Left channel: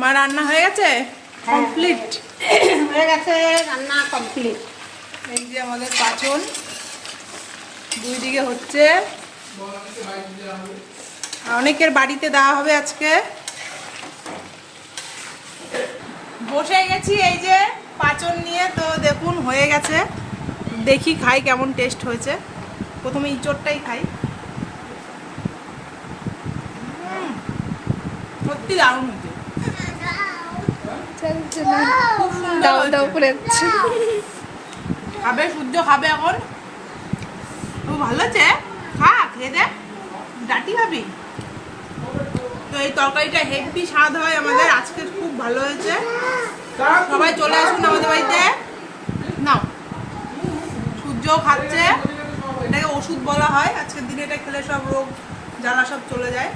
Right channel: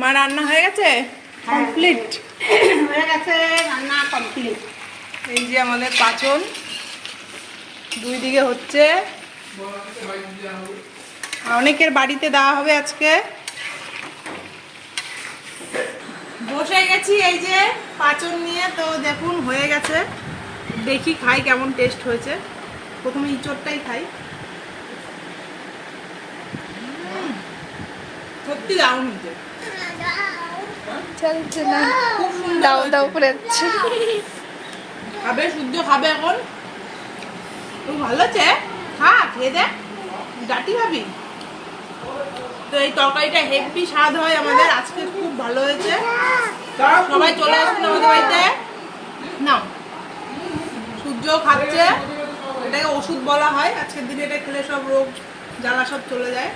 মা রান্না হয়ে গেছে? কমপ্লিট হয়ে গেছে, রান্না কমপ্লিট। এই যে আমাদের পাচন দুই দিকে হচ্ছে। অনেকের বাড়িতে দেওয়া হবে আজকে। বসে গেছি এই যে পাচন নিয়ে, তো দেখুন হয়ে গেছে। দেখি খাই কেমন টেস্ট হয়েছে। প্রথমে ইঁচড়টাই খাই। সত্যি দারুণ হয়েছে। চলছে না, দাও দাও করে খাবে, সূর্য খাবে এখন। খুব ভালো আছে, খা, খেয়ে দে। ডাটি খাবি তো? এই তরকারিটা হেভি স্বাদ হয় আমাদের, আজকে খুব ভালো হয়েছে। সবাই চলে আসুন আমাদের বাড়িতে। নাও, সূর্যও খাচ্ছে। এটাকে ওষুধ বলা হয়। আজকের দিনে এটা খেলে সব রোগ জ্বালা সব চলে যায়।